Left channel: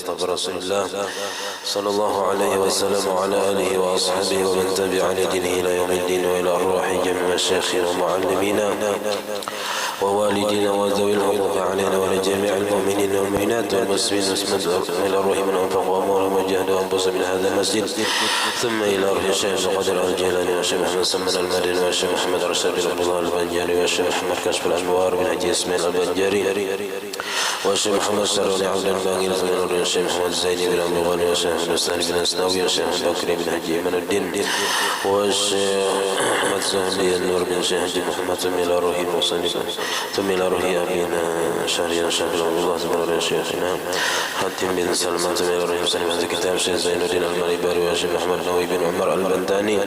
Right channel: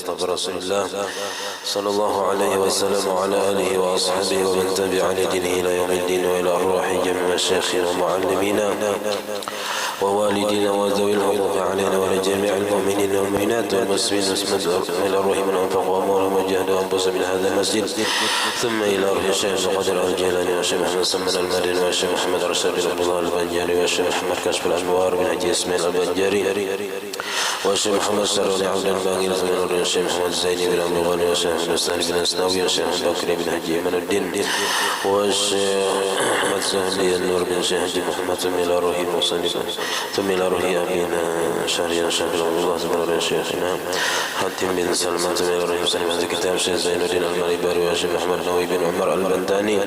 مصطفى رسول الله صلى الله عليه وسلم وعلى آله وأصحابه ومن تبع لدينه إلى يوم الدين وإلى أرواح جميع مشايخنا ومعلمينا ووالدينا وذوي الحقوق علينا ولجميع المؤمنين والمؤمنات والمسلمين إلى أرواح من أنفق وأموالهم وجاهدوا أنفسهم من هذا المسجد ثم إلى أرواح الشيخ القدر الجيلاني والشيخ محمد سمن المدني والشيخ محمد رشاد بن عبد الله البنجاري والشيخ محمد كشف الأنوار بن حجي إسماعيل البنجاري والشيخ محمد سروني عبد الباقي والشيخ محمد زيني بن عبد الغني والشيخ محمد سهل بن أسناوي والشيخ محمد بكري بن حجي من الدين والشيخ محمد زهلي النور بن شيخ حجي محمد ثم إلى روح المصنف ثم إلى روح أبينا شهريا شهر الله ثم إلى روح شيخنا حاتم بن سلمان ثم إلى روح المصنف هذا كتاب شيخ زين الدين المالباري والشيخ محمد نووي بن عمر البنداني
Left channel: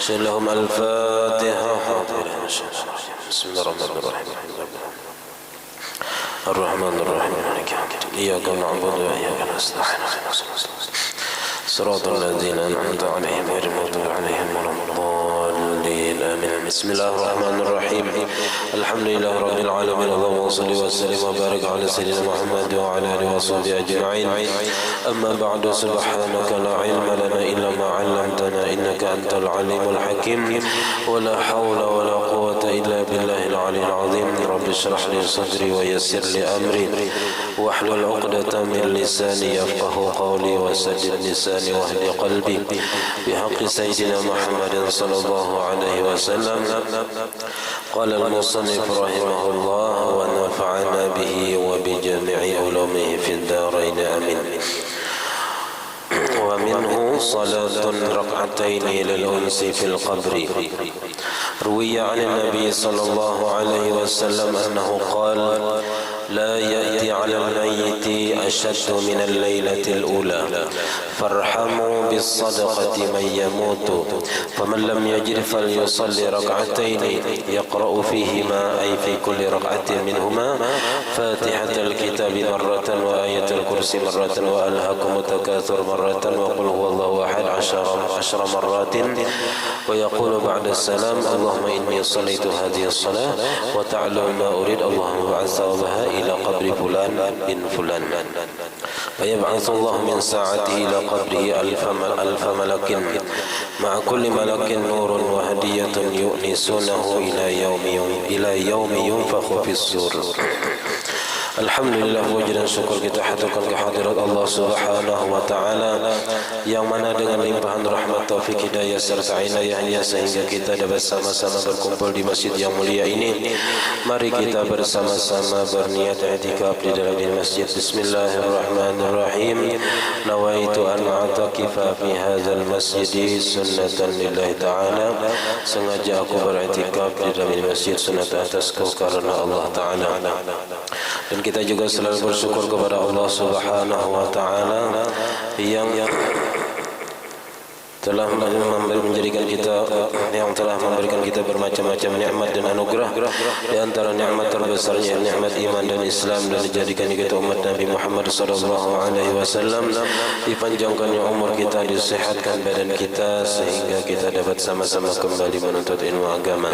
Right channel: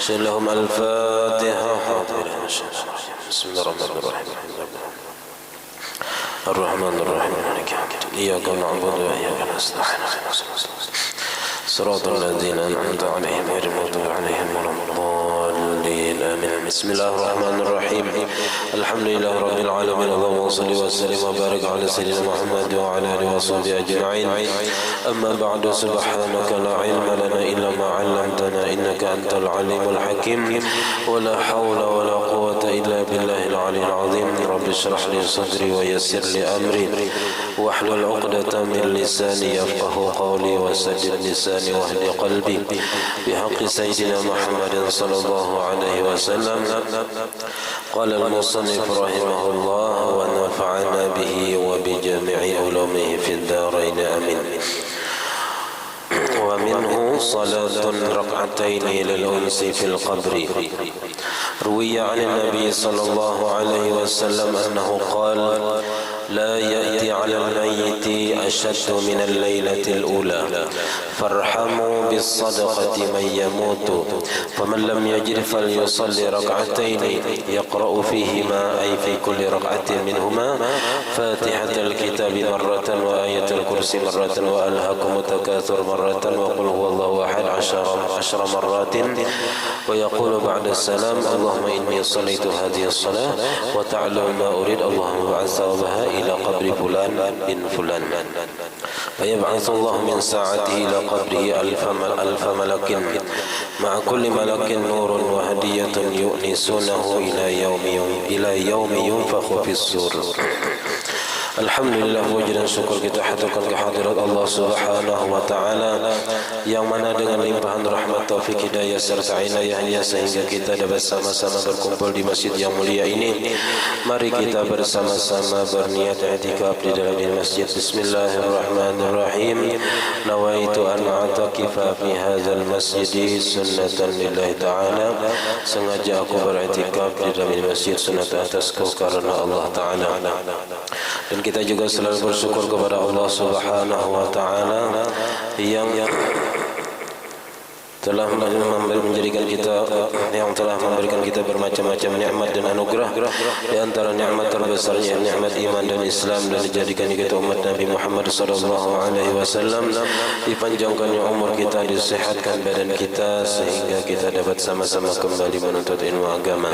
شيخ لهم الفاتحة بسم الله الرحمن الرحيم الرحمن الرحيم إياك نعبد وإياك نستعين صراط الذين أنعمت عليهم غير المغضوب عليهم ولا الضالين آمين بسم الله الرحمن الرحيم الحمد لله رب العالمين اللهم صل وسلم وبارك على سيدنا محمد وعلى آله وصحبه أجمعين أما بعد سبحانك لا علم لنا إلا ما علمتنا إنك أنت العليم الحكيم ولا حول ولا قوة إلا بالله العلي العظيم رب اشرح لي صدري ويسر لي أمري واحلل عقدة من لساني يفقه قولي وسدد لساني واهد قلبي بحق سيدنا محمد صلى الله عليه وسلم قال المصنف رحمه الله ونفعنا به وبجميع علومه في الدارين آمين ومنه صلاة ركعتين للأنس في القبر روي عن النبي صلى الله عليه وسلم أنه قال لا يأتي على الميت أشد من الليلة الأولى فارحموا بالصدقة من يموت فمن لم يجد فليصلي ركعتين يقرأ فيهما أي في كل ركعة منهما فاتحة الكتاب مرة وآية الكرسي مرة وألهاكم التكاثر مرة وقل هو الله أحد 10 مرات ويقول بعد السلام اللهم إني صليت هذه الصلاة وتعلم ما أريد اللهم بعث وبها إلى قبر فلان بن فلان فيبعث الله من ساعته إلى قبره ألف ملك مع كل ملك نور وهدية يؤنسونه إلى يوم ينفخ في الصور. Alhamdulillah puji dan syukur kita haturkan kehadirat Allah Subhanahu wa taala yang mana dengan limpahan rahmat taufik hidayah serta inayahnya sehingga kita dapat sama-sama berkumpul di masjid yang mulia ini. Mari kita bersama-sama berniat i'tikaf di dalam masjid. Bismillahirrahmanirrahim. Nawaitu an a'takifa fi hadzal masjid sunnatan lillahi ta'ala. Sengaja aku beriktikaf di dalam masjid sunat atasku karena Allah taala. Dan kita juga selalu bersyukur kepada Allah Subhanahu wa taala yang telah menjadikan kita memberikan kita bermacam-macam nikmat dan anugerah. Di antara nikmat terbesarnya nikmat iman dan Islam, dan dijadikan kita umat Nabi Muhammad sallallahu alaihi wasallam, dipanjangkannya umur kita, disehatkan badan kita sehingga kita dapat sama-sama kembali menuntut ilmu agama.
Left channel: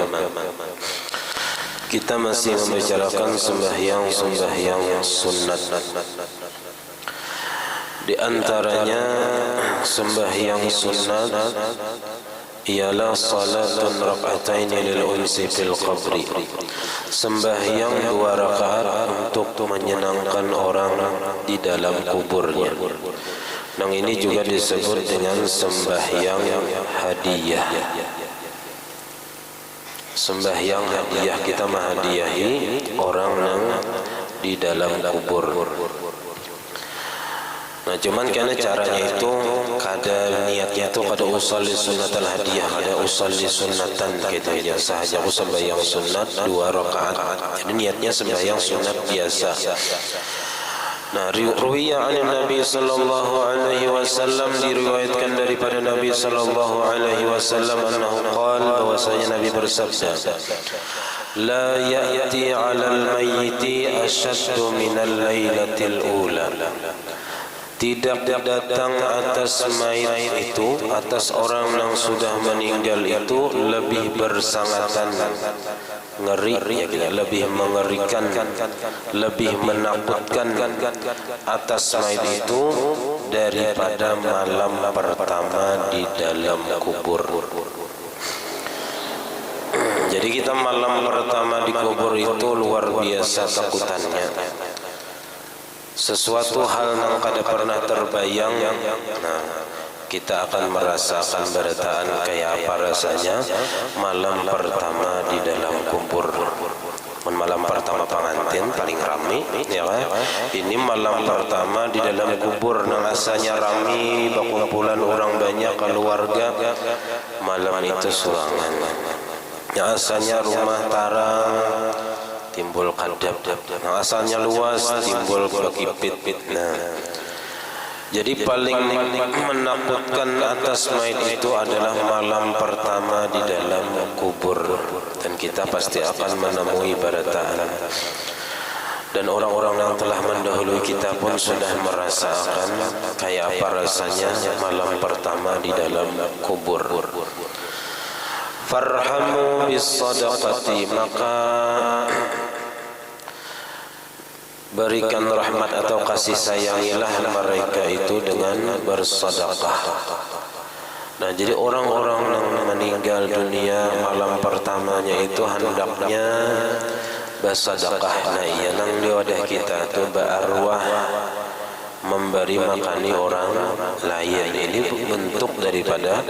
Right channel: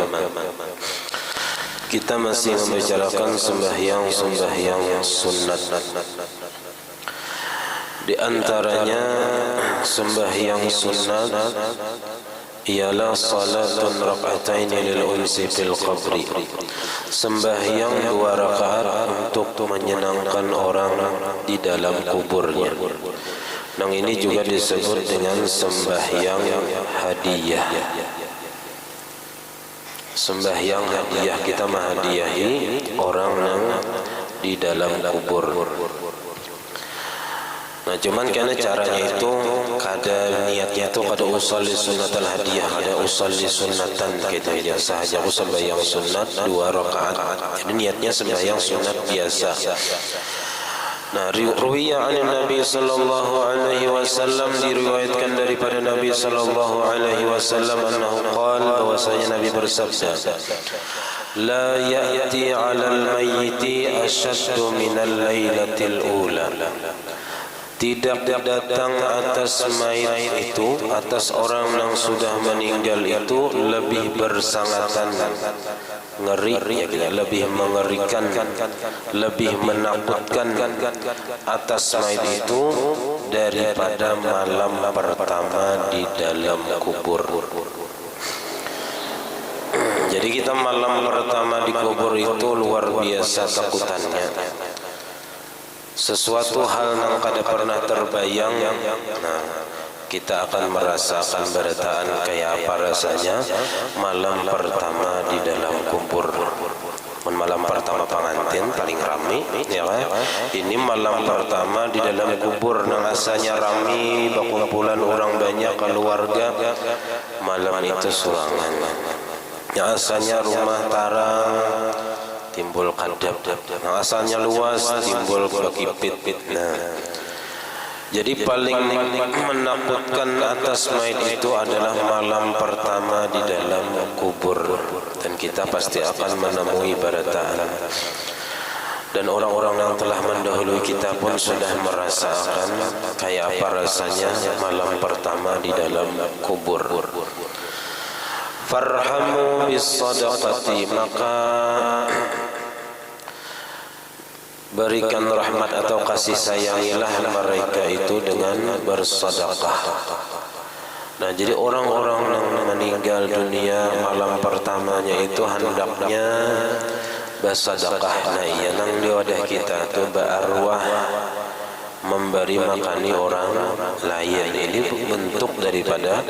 Kita masih membicarakan sembahyang sunat. Di antaranya sembahyang sunat ialah salatun rak'atain lil unsi fil qabri. Sembahyang 2 rakaat untuk menyenangkan orang di dalam kuburnya. Dan ini juga disebut dengan sembahyang hadiah. Sembahyang hadiah, kita menghadiahi orang yang di dalam kubur. Nah, cuman karena caranya itu kada niatnya itu kada usalli sunnatal hadiah, kada usalli sunnatan gitu ya, sahaja sembahyang sunat 2 rakaat. Jadi niatnya sembahyang sunat biasa. Nah, riwayat an Nabi sallallahu alaihi wasallam, diriwayatkan daripada Nabi sallallahu alaihi wasallam annahu qala, bahwasanya Nabi bersabda, la ya'ti 'alal mayyiti ashaddu minal lailatil ula. Tidak datang atas mayit itu, atas orang yang sudah meninggal itu lebih bersangatan ngeri ya kita, lebih mengerikan, lebih menakutkan atas mayit itu daripada malam pertama di dalam kubur. Jadi kita malam pertama di kubur itu luar biasa takutannya. Sesuatu hal yang kada pernah terbayang. Nah, kita akan merasakan berataan kayak apa rasanya malam pertama di dalam kubur. Malam pertama pengantin paling rame ya kan? Ini malam pertama di dalam kubur nang asalnya rame, berkumpulan orang banyak keluarga. Malam itu surangan. Yang asalnya rumah tarang timbul kadap, yang asalnya luas timbul bekipit. Nah, jadi paling menakutkan atas mayit itu adalah malam pertama di dalam kubur, dan kita pasti akan menemui barataan. Dan orang-orang yang telah mendahului kita pun sudah merasakan kayak apa rasanya malam pertama di dalam kubur. Farhamu bis sadaqati, maka berikan rahmat atau kasih sayangilah mereka itu dengan bersedekah. Nah, jadi orang-orang yang meninggal dunia malam pertamanya itu hendaknya bersedekah. Nah, iya nang di wadah kita tu berarwah memberi makani orang lain. Ini bentuk daripada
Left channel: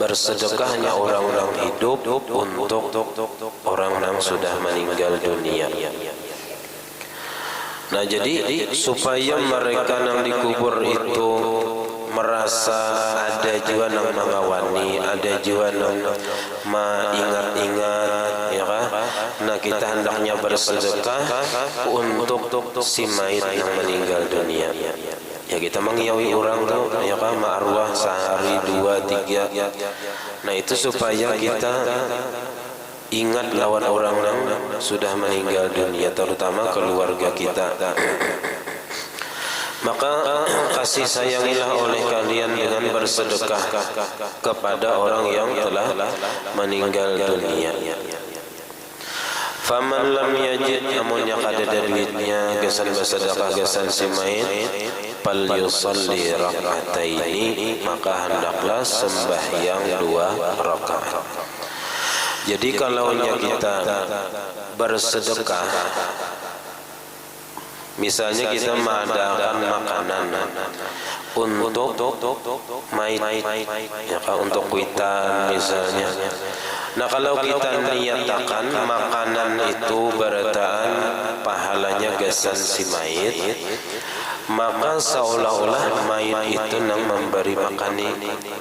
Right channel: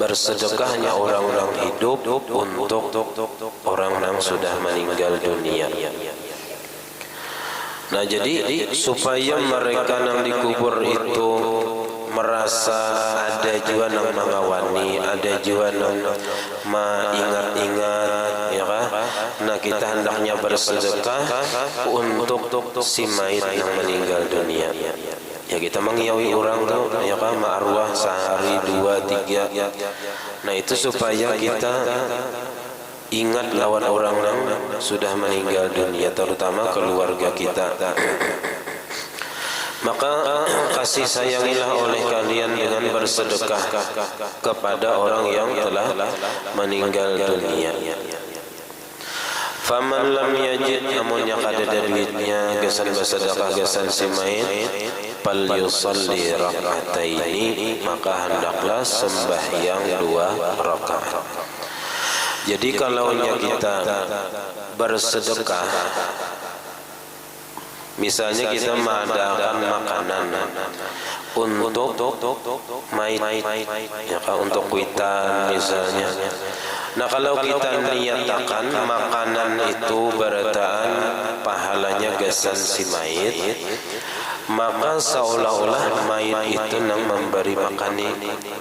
bersedekahnya orang-orang hidup untuk orang yang sudah meninggal dunia. Nah, jadi supaya mereka yang dikubur itu merasa ada juga yang mengawani, ada juga yang mengingat-ingat, ya kan? Nah, kita hendaknya bersedekah untuk si mayit yang meninggal dunia. Ya, kita mengiyawi orang tuh, ya kan, ma'arwah sehari, 2, 3. Nah, itu supaya kita ingat lawan orang yang sudah meninggal dunia, terutama keluarga kita. Maka kasih sayangilah oleh kalian dengan bersedekah kepada orang yang telah meninggal dunia. Faman lam yajid, namun yang ada duitnya gesan bersedekah gesan si mayit, fal yusalli rak'ataini, maka hendaklah sembahyang 2 rakaat. Jadi kalau kita bersedekah, misalnya kita mengadakan makanan untuk mayit, ya kan, untuk kuitan misalnya. Nah, kalau kita niatakan makanan itu berataan pahalanya gesan si mayit, maka seolah-olah mayit itu nang memberi makani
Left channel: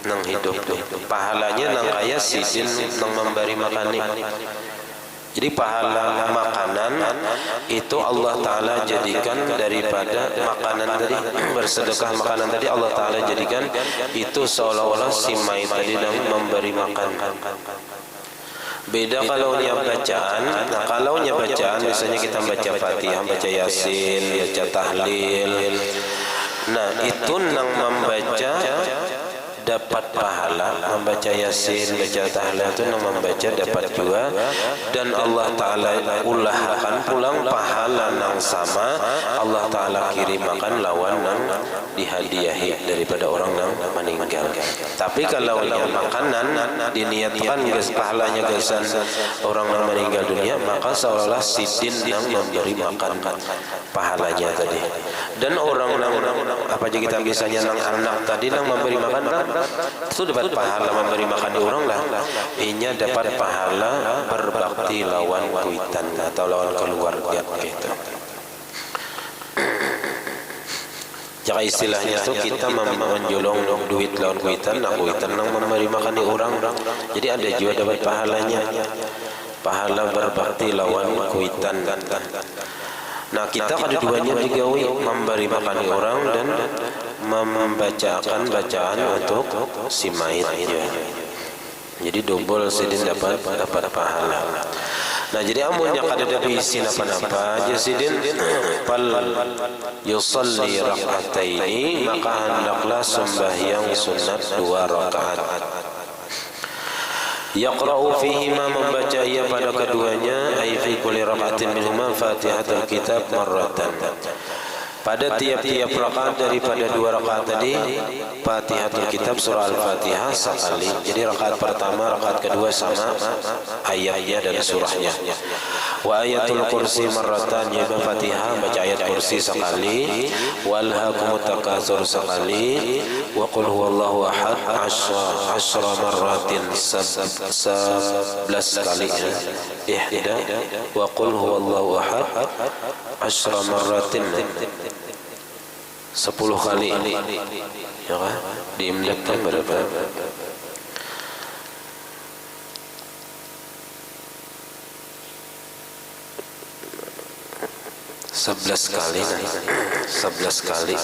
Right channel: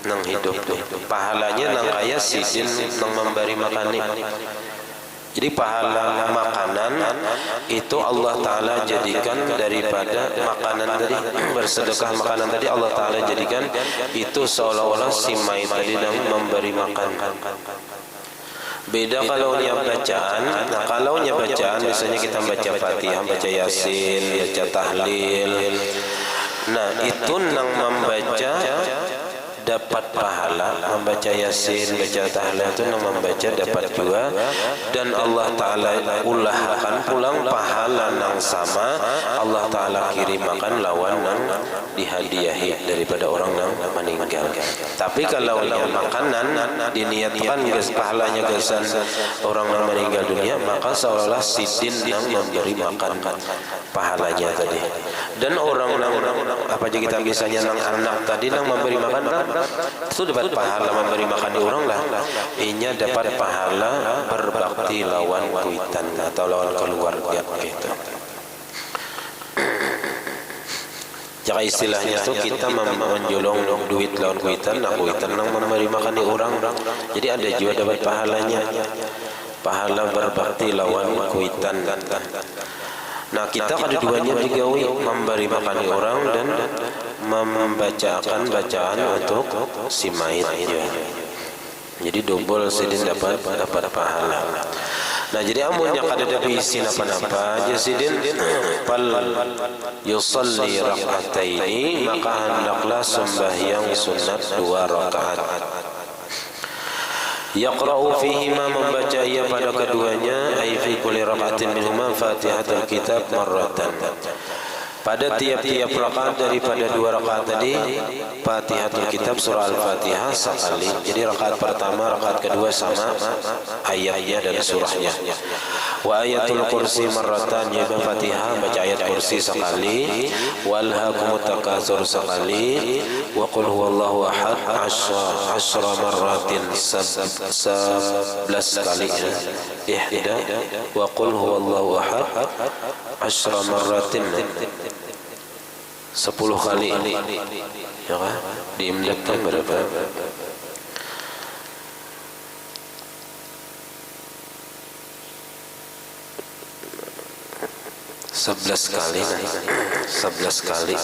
nang hidup tuh. Pahalanya nang kaya sidin nang memberi makani. Jadi pahala makanan itu Allah Ta'ala jadikan daripada makanan tadi, bersedekah makanan tadi Allah Ta'ala jadikan itu seolah-olah si mayit tadi nang memberi makan. Beda kalau nya bacaan. Nah, kalau nya bacaan biasanya kita baca Fatihah, baca Yasin, baca tahlil. Nah, itu nang membaca dapat pahala, membaca Yasin, baca tahlil itu nang membaca dapat juga, dan Allah Ta'ala ulahkan pulang pahala nang sama Allah Ta'ala kirimakan lawan nang dihadiahi daripada orang yang meninggal. Tapi kalau yang makanan diniatkan pahalanya gesan orang yang meninggal dunia, maka seolah-olah sidin yang memberi makan pahalanya tadi. Dan orang yang apa aja kita biasanya nang anak tadi nang memberi makan itu dapat pahala memberi makan orang lah. Inya dapat pahala berbakti lawan kuitan atau lawan keluarga gitu. Jika istilahnya itu kita menjolong duit lawan kuitan, nah kuitan nang memberi makan orang. Jadi ada juga dapat pahalanya, pahala berbakti lawan kuitan. Nah, kita keduanya digawi memberi makan orang dan membacakan bacaan untuk si mayit. Jadi double sidin dapat pahala. Nah, jadi amun yang kada ada isi napa-napa aja sidin fal yusalli rak'ataini, maka hendaklah sembahyang sunat 2 rakaat. Yaqra'u fihima, membaca ia pada keduanya, ay fi kulli raka'atin minhuma Fatihatul Kitab marratan. Pada tiap-tiap rakaat daripada 2 rakaat tadi, Fatihatul Kitab surah Al-Fatihah sekali. Jadi rakaat pertama, rakaat kedua sama ayatnya dan surahnya. Wa ayatul kursi marratan, yaitu Fatihah baca ayat kursi sekali. Wal hakumut takatsur sekali. Wa qul huwallahu ahad 10 marratin, 11 kali. Ihda wa qul huwallahu ahad 10 marratin, 10 kali, ya kan? Diimlakkan berapa? Sebelas kali.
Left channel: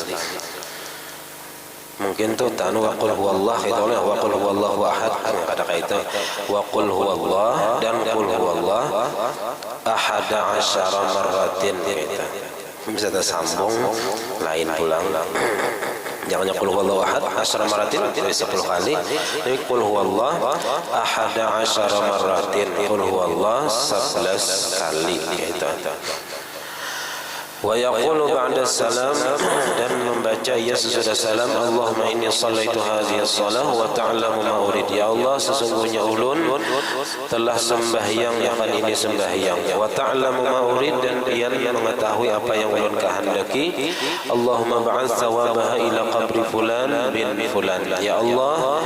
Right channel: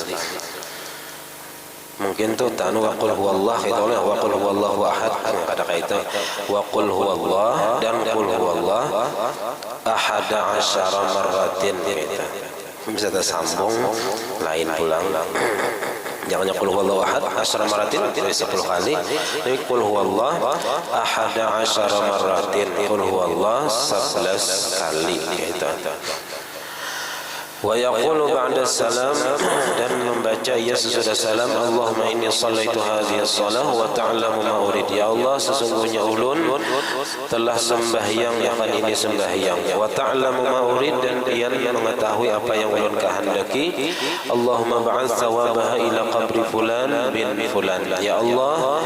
Mungkin tuh tanu wa qul huwallah itu oleh wa qul huwallahu ahad, ada kaitan wa qul huwallah dan qul huwallah ahada asyara marratin gitu. Bisa tersambung lain pulang. Jangan qul huwallahu ahad asyara marratin 10 kali. Tapi qul huwallah ahada asyara marratin, qul huwallah 11 kali gitu. Wa yaqulu ba'da salam, dan membaca ia sesudah salam, Allahumma inni shallaitu hadhihi shalah wa ta'lamu ma urid. Ya Allah, sesungguhnya ulun telah sembahyang akan ini sembahyang, wa ta'lamu ma urid, dan Dia mengetahui apa yang ulun kehendaki. Allahumma ba'ats thawabaha ila qabri fulan bin fulan. Ya Allah,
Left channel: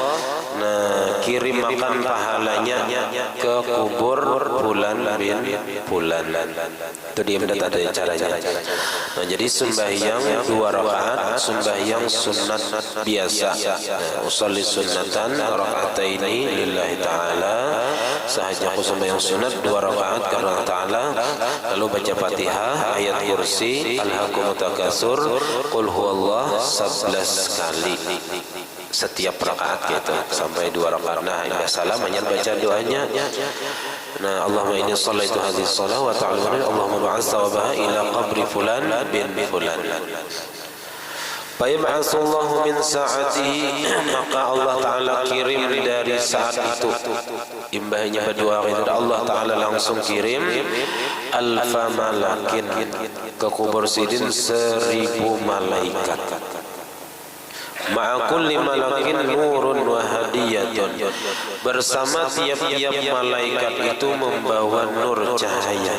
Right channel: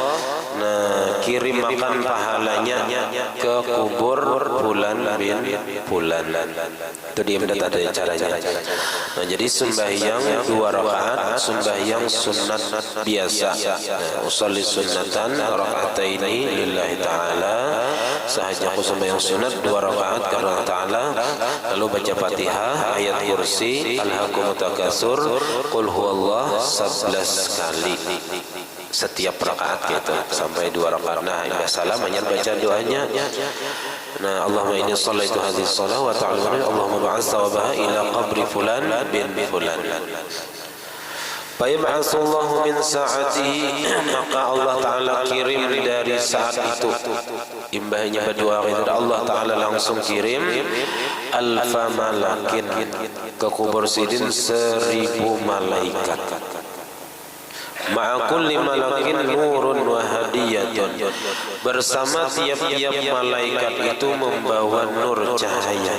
kirim makan pahalanya ke kubur fulan bin fulan. Itu dia mendapat ada caranya. Nah, jadi sembahyang 2 rakaat, sembahyang sunat biasa. Usolli sunnatan raka'ataini lillahi ta'ala. Sahaja aku sembahyang sunat 2 rakaat karena ta'ala. Lalu baca Fatihah, ayat kursi, alhaakumut takatsur, qul huwallah 11 kali. Setiap rakaat gitu sampai 2 rakaat. Nah, indah salam hanya baca doanya. Nah, Allahumma inni shallaitu hadhihi shalah wa ta'ala Allahumma ba'ats thawabaha ila qabri fulan bin fulan. Fayab'atsullahu min sa'atihi, maka Allah Ta'ala kirim dari saat itu. Imbahnya berdua itu Allah Ta'ala langsung kirim alfa malakin ke kubur sidin 1000 malaikat. Ma'a kulli malakin nurun wa hadiyatun, bersama tiap-tiap malaikat itu membawa nur cahaya,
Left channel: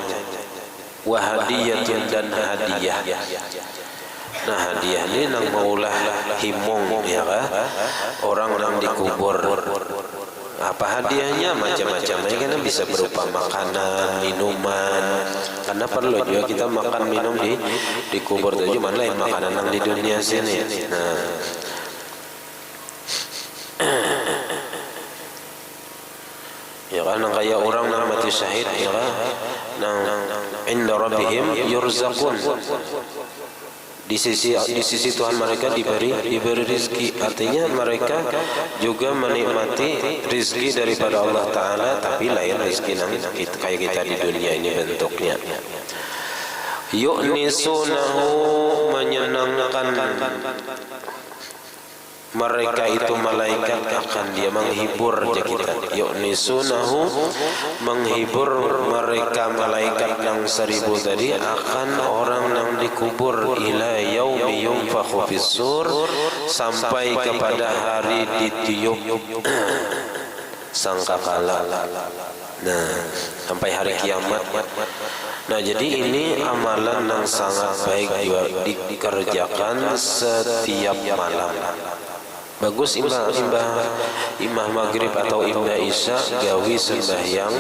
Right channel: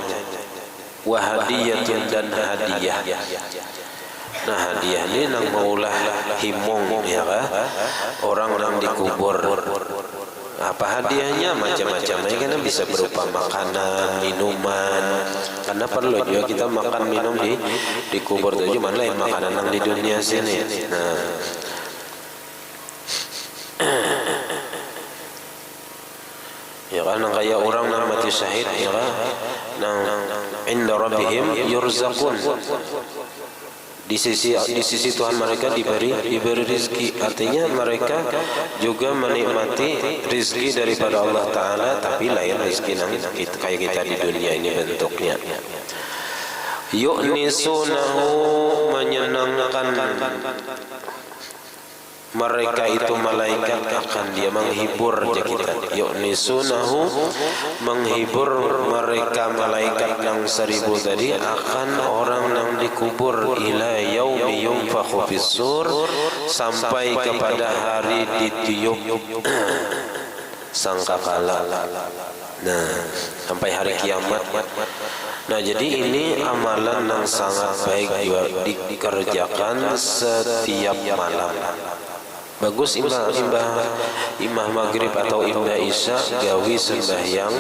wa hadiyatun, dan hadiah. Nah, hadiah ini nang maulah himong, ya kan? Orang yang dikubur. Apa hadiahnya? Macam-macam. Ini kan bisa berupa makanan, minuman. Karena perlu juga kita makan minum di kubur itu, cuman lain makanan yang di dunia sini. Nah, ya kan, kayak orang yang mati syahid, ya kan, nang inda rabbihim yurzaqun, di sisi Tuhan mereka diberi rizki. Artinya mereka juga menikmati rizki daripada Allah Ta'ala, tapi lain rizki yang kayak kita di dunia ini bentuknya. Yu'nisunahu, menyenangkan mereka itu malaikat, akan dia menghibur kita. Yu'nisunahu, menghibur mereka malaikat yang 1000 tadi akan orang yang dikubur, ila yaumi yunfakhu fis-sur, sampai kepada hari ditiup sangkakala. Nah, sampai hari kiamat. Nah, jadi ini amalan yang sangat baik dikerjakan setiap malam. Bagus imah maghrib atau imah isya gawi sembahyang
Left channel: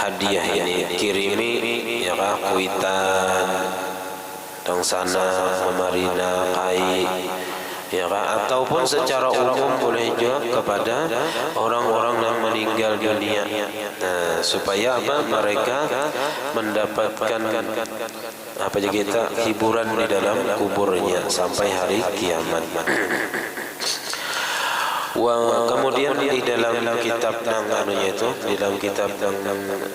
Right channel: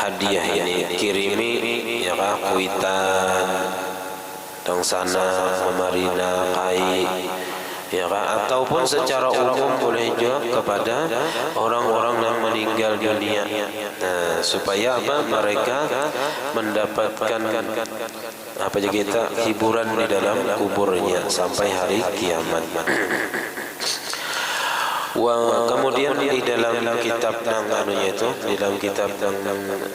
hadiah ini, kirimi ya kah, kuitan dong sana, memarina, kai, ya kah, ataupun secara umum boleh juga kepada orang-orang yang meninggal dunia. Nah, supaya apa? Mereka mendapatkan apa aja kita hiburan di dalam kuburnya sampai hari kiamat. Wah, kemudian di dalam kitab anunya itu, di dalam kitab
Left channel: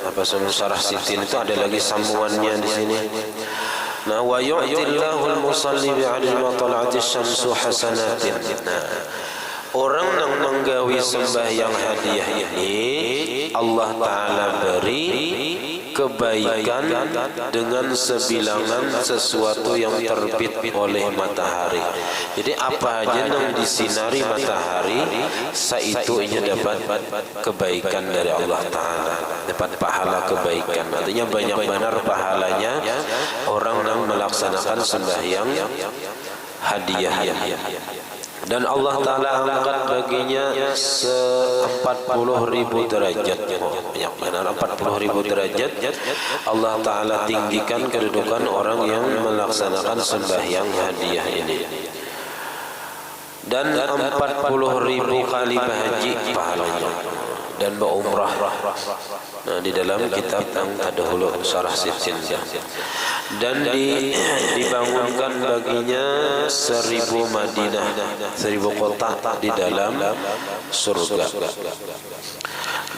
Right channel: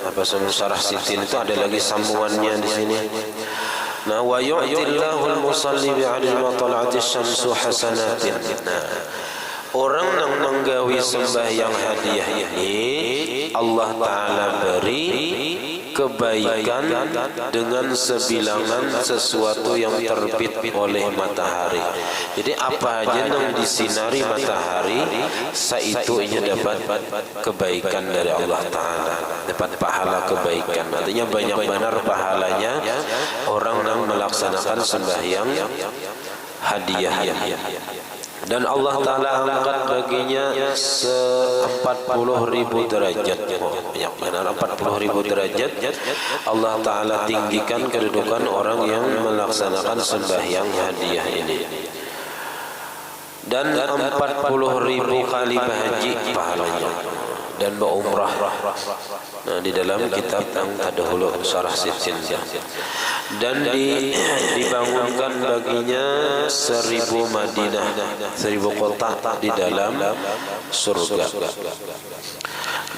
apa Syarah Sittin itu ada lagi sambungannya di sini. Nah, wa yu'tillahul musalli bi'adli ma tala'atis syamsu hasanatin. Nah, orang yang menggawi sembahyang hadiah ini Allah Ta'ala beri kebaikan dengan sebilangan sesuatu yang terbit oleh matahari. Jadi apa aja yang disinari matahari, saitunya dapat kebaikan dari Allah Ta'ala, dapat pahala kebaikan. Artinya banyak benar pahalanya orang yang melaksanakan sembahyang hadiah. Dan Allah Ta'ala angkat baginya 40.000 derajat. Banyak benar 40.000 derajat. Allah Ta'ala tinggikan kedudukan orang yang melaksanakan sembahyang hadiah ini. Dan 40.000 kali berhaji pahalanya. Dan berumrah. Nah, di dalam kitab yang terdahulu Syarah Sinja. Dan dibangunkan baginya 1000 Madinah, 1000 kota di dalam surga.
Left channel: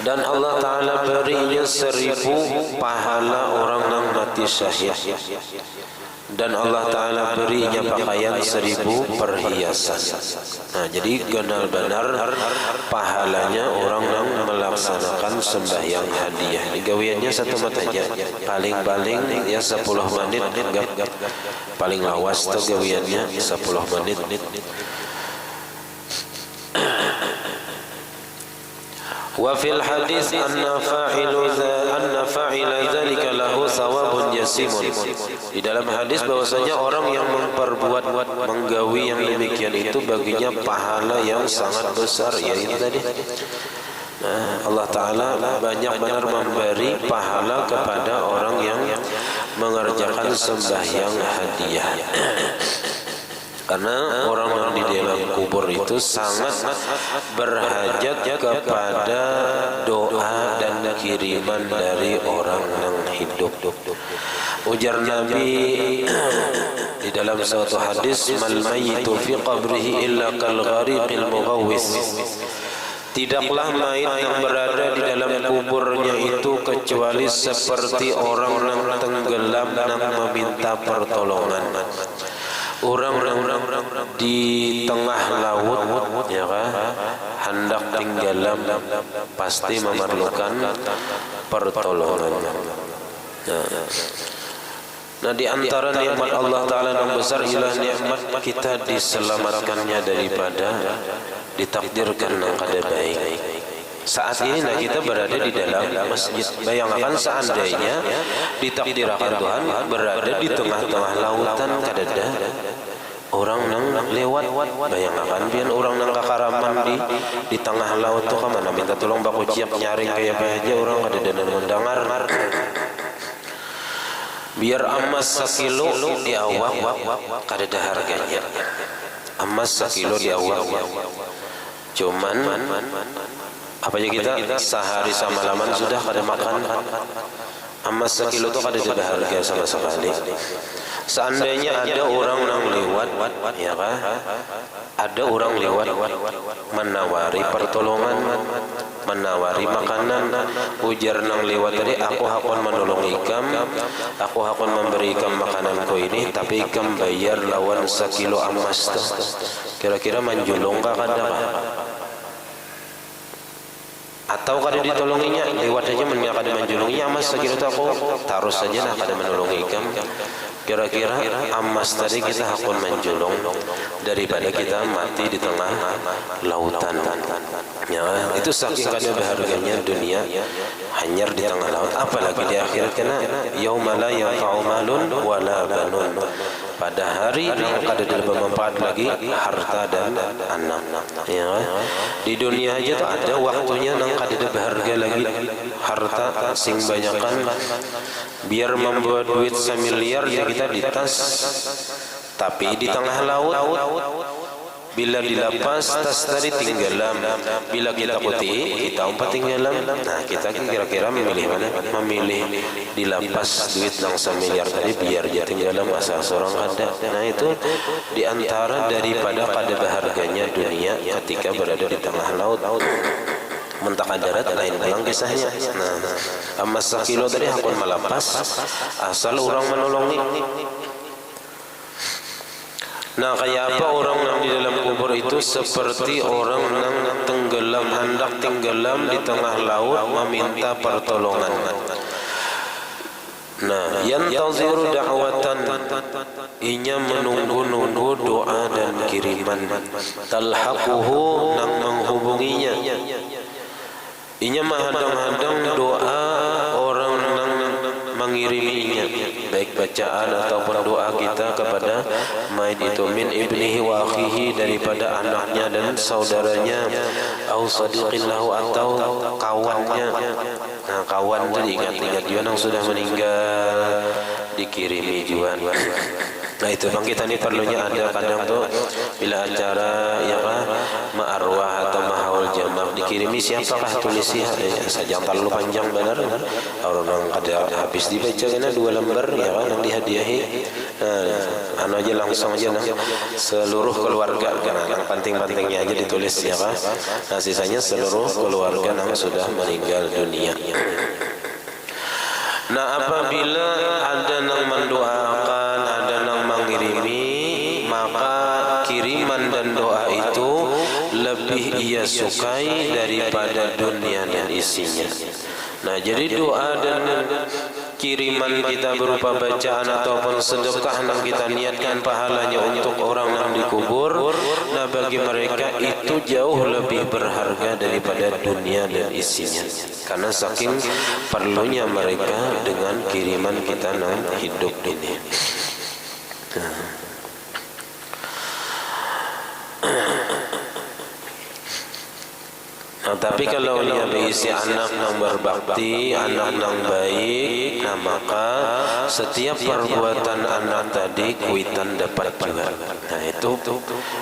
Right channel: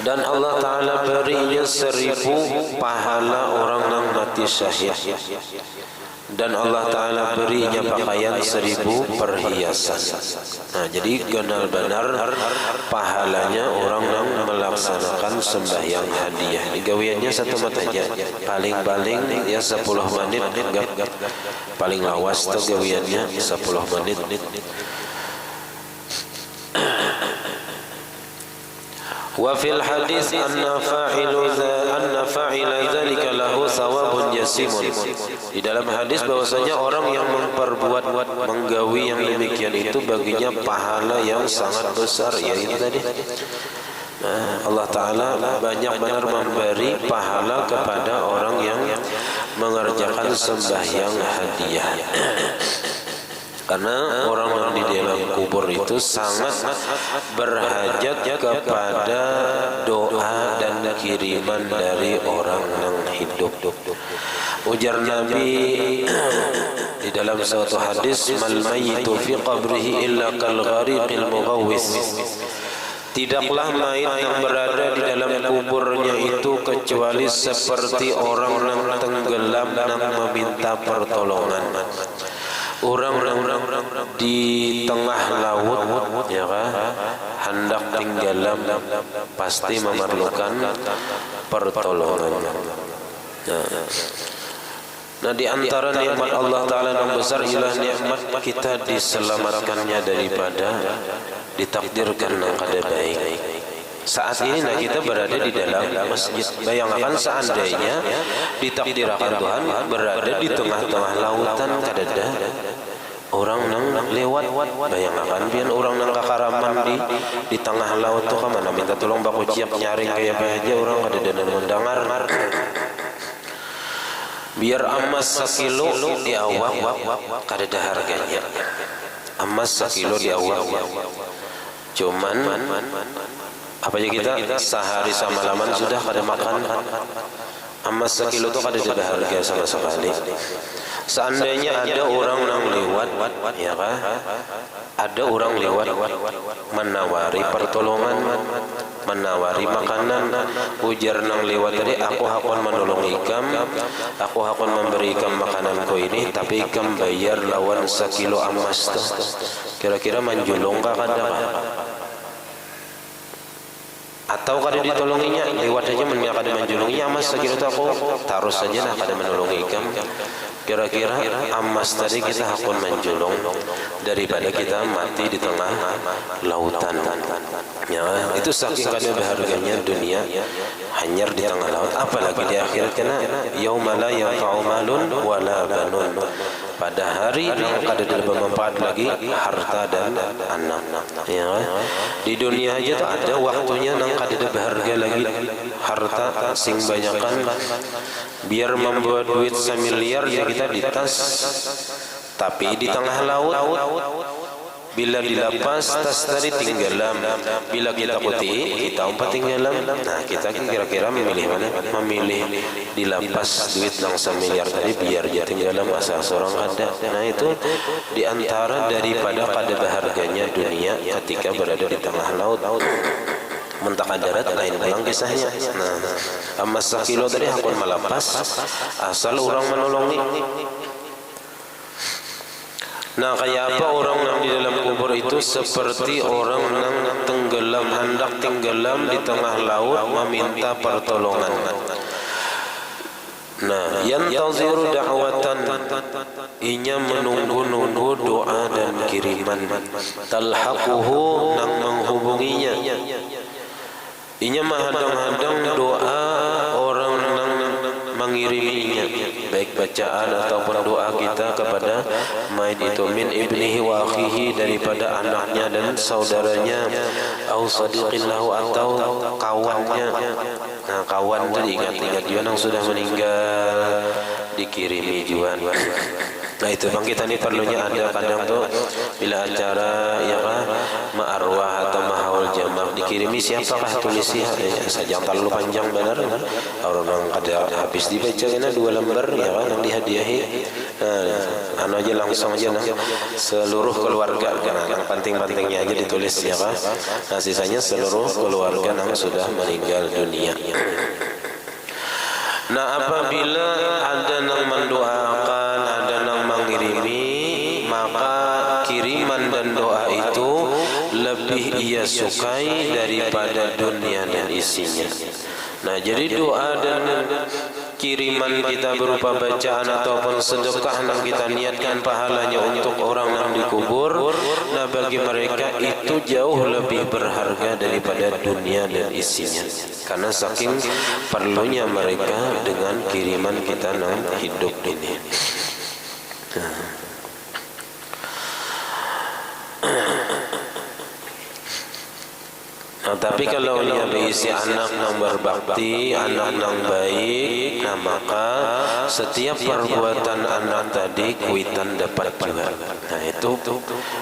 Dan Allah Ta'ala berinya 1000 pahala orang yang mati syahid. Dan Allah Ta'ala berinya pakaian 1000 perhiasan. Nah, jadi benar benar pahalanya orang yang melaksanakan sembahyang hadiah. Gawiannya 1 menit aja, paling-paling ya 10 menit, paling lawas tuh gawiannya 10 menit. Wa fil hadis anna fa'ila dzalika lahu thawabun jasimun. Di dalam hadis bahwasanya orang yang memperbuat menggawi yang demikian itu baginya pahala yang sangat besar, yaitu tadi Allah Ta'ala banyak benar memberi pahala kepada orang yang mengerjakan sembahyang hadiah. Karena orang yang di dalam kubur itu sangat berhajat kepada doa dan kiriman dari orang yang hidup. Ujar Nabi di dalam suatu hadis, mal mayyitu fi qabrihi illa kal ghariqil mughawwis. Tidaklah mayit yang berada di dalam kuburnya itu kecuali seperti orang yang tenggelam dan meminta pertolongan. Orang-orang di tengah laut, ya kan, hendak tenggelam, pasti memerlukan pertolongan. Nah, di antara nikmat Allah Ta'ala yang besar ialah nikmat kita diselamatkannya daripada ditakdirkan yang kada baik. Saat ini nah kita berada di dalam masjid. Bayangkan seandainya ditakdirkan Tuhan berada di tengah-tengah lautan kadada orang yang lewat. Bayangkan biar orang yang kakaraman di tengah laut tu kemana minta tolong baku ciap nyaring kayak apa aja orang kadada dan mendengar. Biar emas 1 kilo di awak kadada harganya. Emas 1 kilo di awak. Cuman apa aja kita sehari semalaman sudah kada makan. Emas 1 kilo itu kada ada harga sama sekali. Seandainya ada orang yang lewat, ya kan? Ada orang lewat menawari pertolongan, menawari makanan. Ujar nang lewat tadi, aku akan menolong ikam, aku akan memberi ikam makananku ini, tapi ikam bayar lawan 1 kilo emas tuh. Kira-kira menjulung kah kada pak? Atau kada ditolonginya lewat saja menyapa kada menjulunginya emas 1 kilo itu aku taruh saja lah kada menolongi ikam. Kira-kira emas tadi kita akan menjulung daripada kita mati di tengah lautan. Ya, itu saking kada berharganya dunia hanyar di tengah laut, apalagi di akhirat kena yauma la yanfa'u malun wala banun. Pada hari yang kada bermanfaat lagi harta dan anak. Ya, di dunia aja tuh ada waktunya nang kada berharga lagi harta sing banyakan biar membuat duit 1 miliar ya kita di tas, tapi di tengah laut bila dilepas tas tadi tinggalan, bila kita putih kita umpat tinggalan. Nah kita kira-kira memilih mana? Memilih dilepas duit yang 1 miliar tadi biar dia tinggalan asal seorang ada. Nah itu diantara daripada kada berharganya dunia ketika berada di tengah laut. Mentaka darat lain pulang kisahnya. Nah, emas 1 kilo tadi akan melepas asal orang menolongi. Nah, kayak apa orang yang di dalam kubur itu? Seperti orang yang tenggelam, hendak tenggelam di tengah laut meminta pertolongan. Nah, yantaziru da'watan, inya menunggu-nunggu doa dan kiriman. Talhaquhu, nang menghubunginya. Inya menghadang-hadang doa orang nang mengiriminya, baik bacaan ataupun doa kita kepada mayit itu, min ibnihi wa akhihi, daripada anaknya dan saudaranya, au sadiqin lahu, atau kawannya. Nah, kawan tadi ingat-ingat juga yang sudah meninggal, dikirimi juga. Nah, itu bang, kita ini perlunya ada kadang tuh bila acara ya kan ma'arwah atau mahaul jamak, dikirimi siapakah tulisi saja, terlalu panjang benar kan, orang ada habis dibaca kena 2 lembar ya kan yang dihadiahi. Nah, aja langsung aja nah, seluruh keluarga kan, yang penting-pentingnya aja ditulis ya kan. Nah, sisanya seluruh keluarga yang sudah meninggal dunia. Nah, apabila ada yang mendoakan, ada yang mengirimi, maka kiriman dan doa itu lebih ia sukai daripada dunia dan isinya. Nah, jadi doa dan kiriman kita berupa bacaan ataupun sedekah yang kita niatkan pahalanya untuk orang yang dikubur, nah bagi mereka itu jauh lebih berharga daripada dunia dan isinya, karena saking perlunya mereka dengan kiriman kita yang hidup ini. Nah, tapi kalau dia berisi anak yang berbakti, anak yang baik, nah maka setiap perbuatan anak tadi kuitan dapat juga. Nah, itu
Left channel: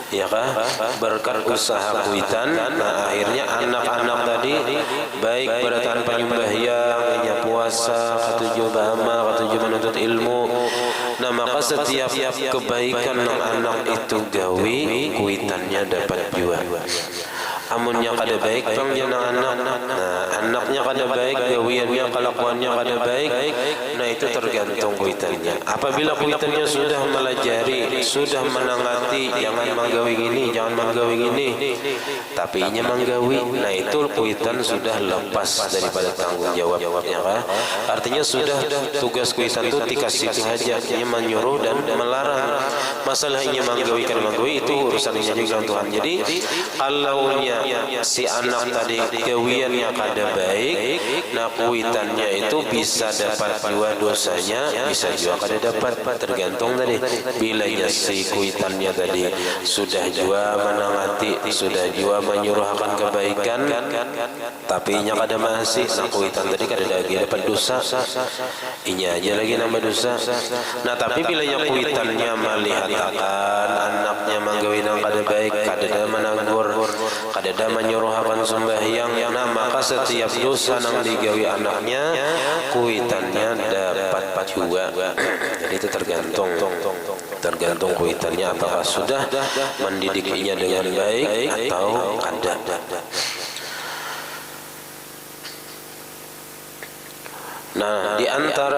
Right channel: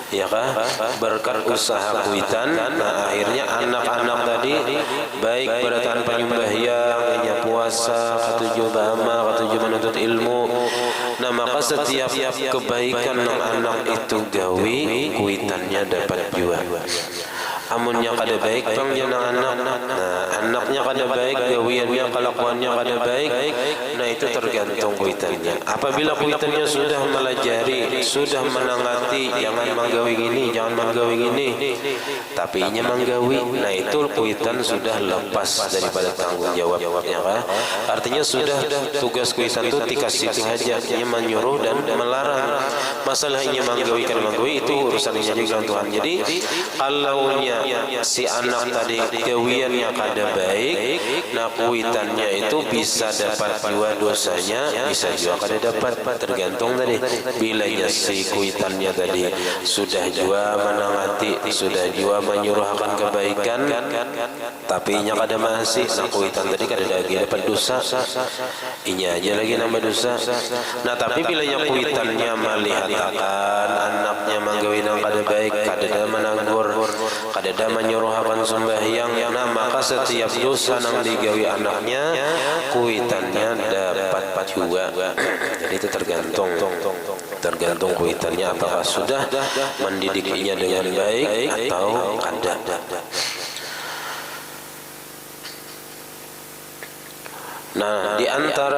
ya kan, berkat usaha kuitan. Nah, akhirnya anak-anak tadi baik beratan penyembahyang, puasa, katujuh bahama, katujuh menuntut ilmu. Nah, maka setiap kebaikan yang anak itu gawi, kuitannya dapat juga. Amunnya kada baik bang jenang anak, nah anaknya kada baik, gawiannya, kelakuannya kada baik, nah itu tergantung kuitannya. Apabila kuitannya sudah melajari, sudah menangati, jangan manggawi ini, jangan manggawi ini, tapi inya manggawi, nah itu kuitan sudah lepas daripada tanggung jawabnya kan? Artinya sudah tugas kuitan itu dikasih saja, inya menyuruh dan melarang. Masalah inya manggawi kada manggawi itu urusannya juga Tuhan. Jadi kalau si anak tadi gawiannya kada baik, nah kuitannya itu bisa dapat juga dosanya, bisa juga kada dapat, tergantung tadi. Bilanya si kuitannya tadi sudah juga menangati, sudah juga menyuruh akan kebaikan, tapi inya kada masih, nah kuitan tadi kada lagi dapat dosa, inya aja lagi nambah dosa. Nah, tapi bilanya kuitannya melihat akan anaknya manggawi nang kada baik, kada ada menanggur, kada ada menyuruh akan sembahyang, nah maka setiap dosa yang digawi anaknya kuitannya dapat juga. Jadi itu tergantung kuitannya apakah sudah mendidiknya dengan baik atau kada. Nah, di antara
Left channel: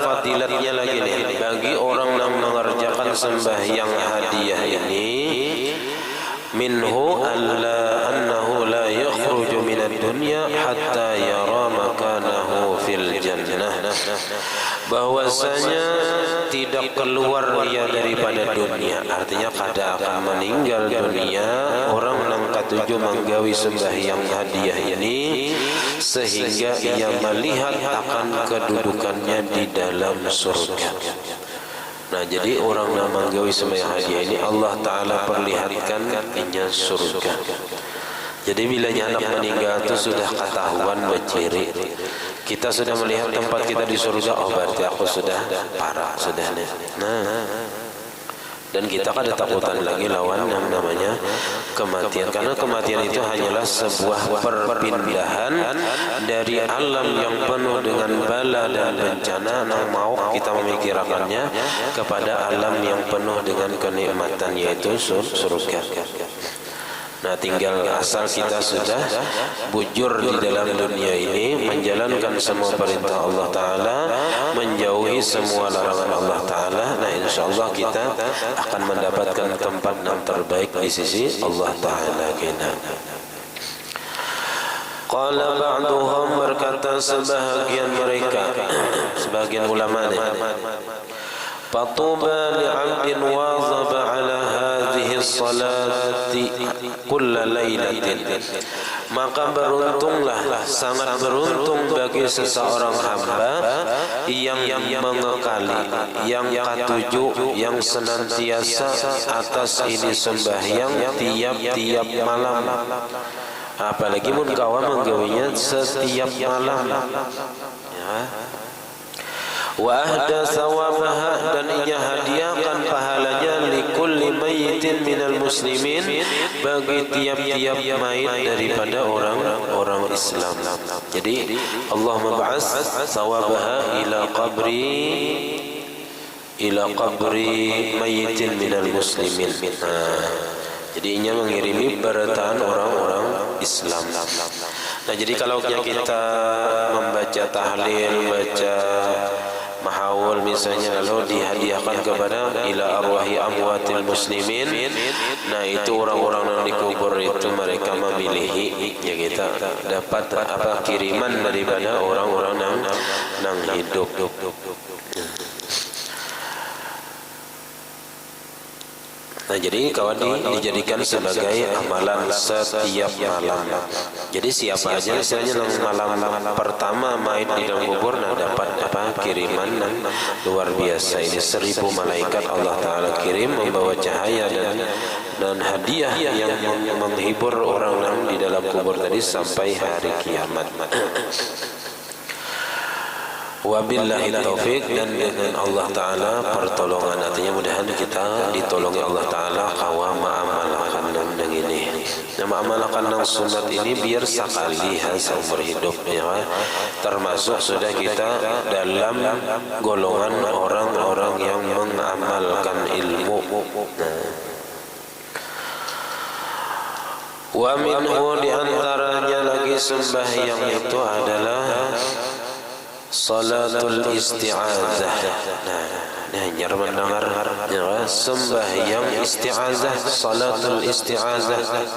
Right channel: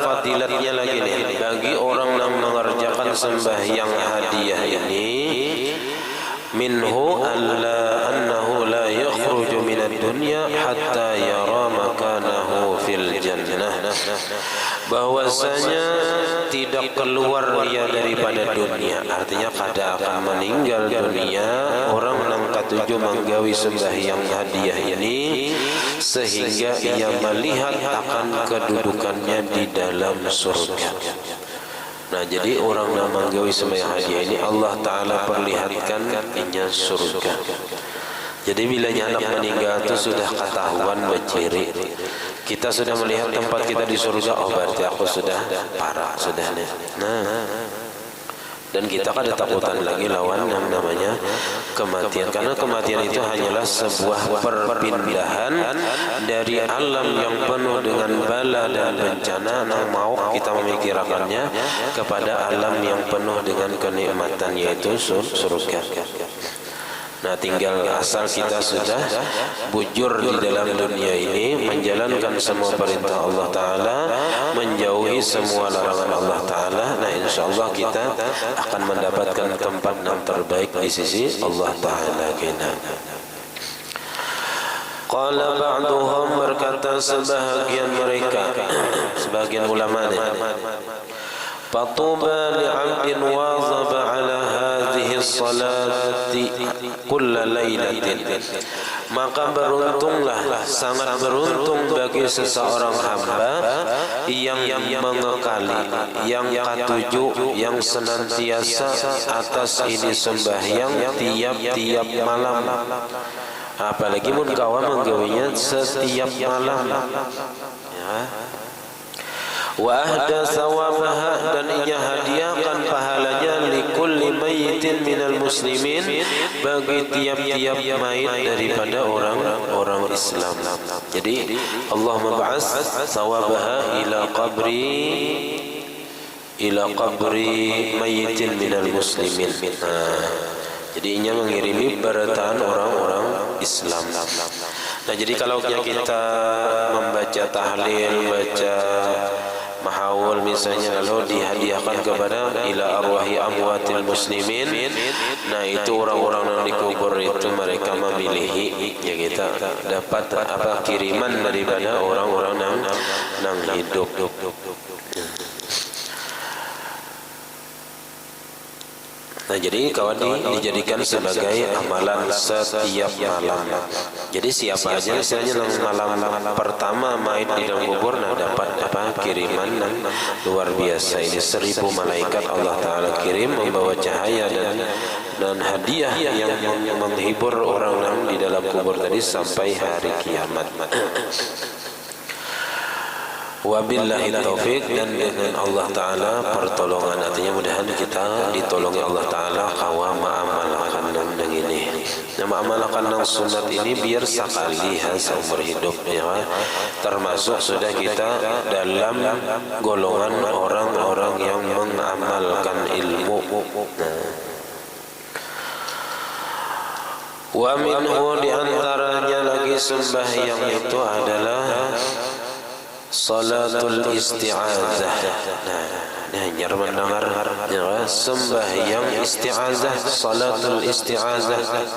fadilatnya lagi nih, bagi orang yang mengerjakan sembahyang hadiah ini, minhu annahu la yakhruju minad dunya hatta yara makanahu fil jannah, bahwasanya tidak keluar dia daripada dunia, artinya kada akan meninggal dunia orang yang ketujuh menggawi sembahyang hadiah ini, sehingga ia melihat akan kedudukannya di dalam surga. Nah, jadi orang yang menggawi sembahyang hadiah ini Allah Ta'ala perlihatkan inya surga. Jadi bila anak meninggal itu sudah ketahuan berciri, kita sudah melihat tempat kita di surga, oh berarti aku sudah parah, sudah nih. Nah, dan kita kada takutan lagi lawan yang namanya kematian, karena kematian itu hanyalah sebuah perpindahan dari alam yang penuh dengan bala dan bencana yang mau kita memikirkannya kepada alam yang penuh dengan kenikmatan, yaitu surga. Nah, tinggal asal kita sudah bujur di dalam dunia ini, menjalankan semua perintah Allah Ta'ala, menjauhi semua larangan Allah Ta'ala. Nah, insyaAllah kita akan mendapatkan tempat yang terbaik di sisi Allah Ta'ala kita. Qala ba'duhum, berkata sebahagian mereka, sebagian ulama ni, Fatuba li'abdin wazaba ala hadhihi salati kulla laylatin. Maka beruntunglah, sangat beruntung bagi seseorang hamba yang mengekali, yang katuju, yang senantiasa atas ini sembahyang tiap-tiap malam. Apalagi mun kawan menggawinya setiap malam. Ya. Wa ahda sawabaha, dan ia hadiahkan pahalanya likulli mayyitin minal muslimin, bagi tiap-tiap mayit daripada orang Islam. Jadi Allah membahas sawabaha ila qabri mayyitin minal muslimin. Jadi ia mengirimi barataan orang-orang Islam. Nah, jadi kalau kita membaca tahlil, baca mahawul misalnya, lalu dihadiahkan kepada ila arwahi amwatil muslimin. Nah, itu orang-orang yang dikubur itu mereka memilihi, ya kita dapat apa kiriman daripada orang-orang yang hidup. Nah, jadi kawan dijadikan sebagai amalan setiap malam. Jadi siapa aja misalnya malam pertama mayit di dalam kubur, nah dapat apa kiriman yang luar biasa. Ini 1000 malaikat Allah Ta'ala kirim membawa cahaya dan hadiah yang menghibur orang yang di dalam kubur tadi sampai hari kiamat. Wabillahi taufiq, dan dengan Allah Ta'ala pertolongan. Artinya mudahan kita ditolongi Allah Ta'ala kawa ma'amalakan yang ini. Ma'amalakan yang sunat ini biar sekali seumur hidup, ya. Termasuk sudah kita dalam golongan orang-orang yang mengamalkan ilmu. Wa minhu, diantaranya lagi sembahyang itu adalah salatul isti'azah. Nah, hanya mendengar ya, sembahyang isti'azah, salatul isti'azah,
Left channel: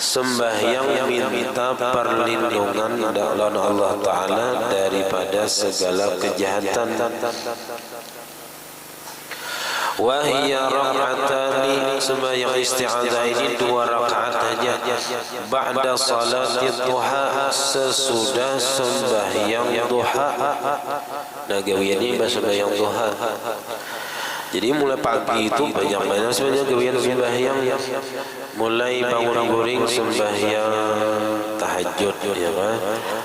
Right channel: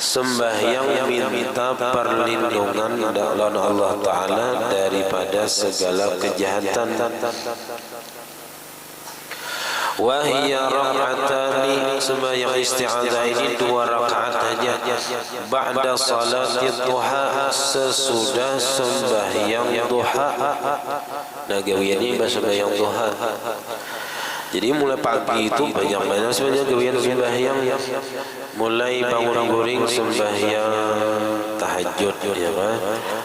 sembahyang minta perlindungan dari Allah Ta'ala daripada segala kejahatan. Wahia rak'atani, sembahyang isti'adzah ini 2 rakaat saja. Ba'da salatit duha, sesudah sembahyang duha. Nah, gawian ini sembahyang duha. Jadi mulai pagi itu banyak sebenarnya gawian sembahyang. Mulai bangun guring sembahyang tahajud, ya kan?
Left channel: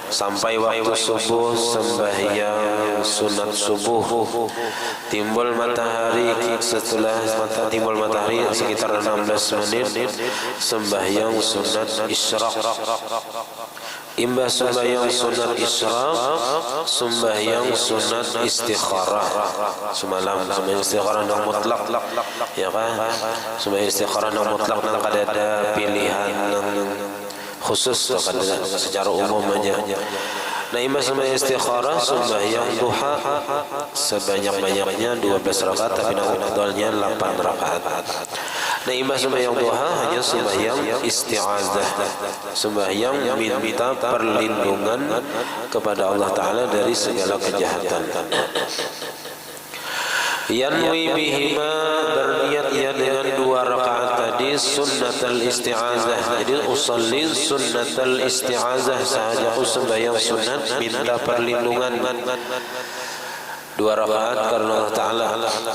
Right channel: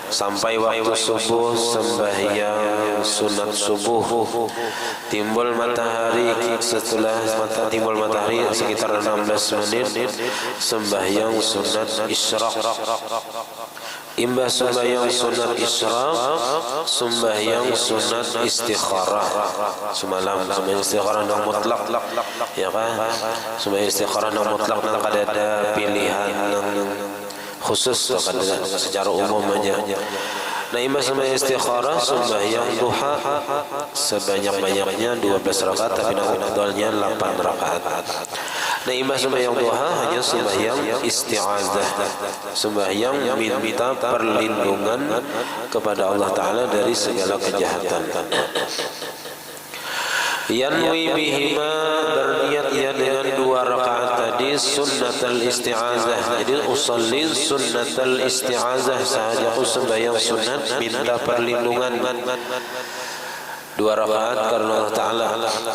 Sampai waktu subuh sembahyang sunat subuh. Timbul matahari, setelah timbul matahari sekitar 16 menit sembahyang sunat isyraq. Imbas sembahyang sunat isyraq, sembahyang sunat istikharah. Semalam sembahyang istikharah yang mutlak, ya kan? Sembahyang istikharah yang mutlak, yang ada pilihan yang khusus secara umum aja. Nah, imbas sembahyang istikharah, sembahyang duha sebanyak-banyaknya 12 rakaat, tapi afdalnya 8 rakaat. Nah, imbas sembahyang duha hanya sembahyang isti'azah, sembahyang minta perlindungan kepada Allah Ta'ala dari segala kejahatan. Yanwi bihima, berniat ia dengan 2 rakaat tadi sunnatul isti'azah. Jadi usalli sunnatul isti'azah sahaja, sembahyang sunat minta perlindungan 2 rakaat karena Allah Ta'ala.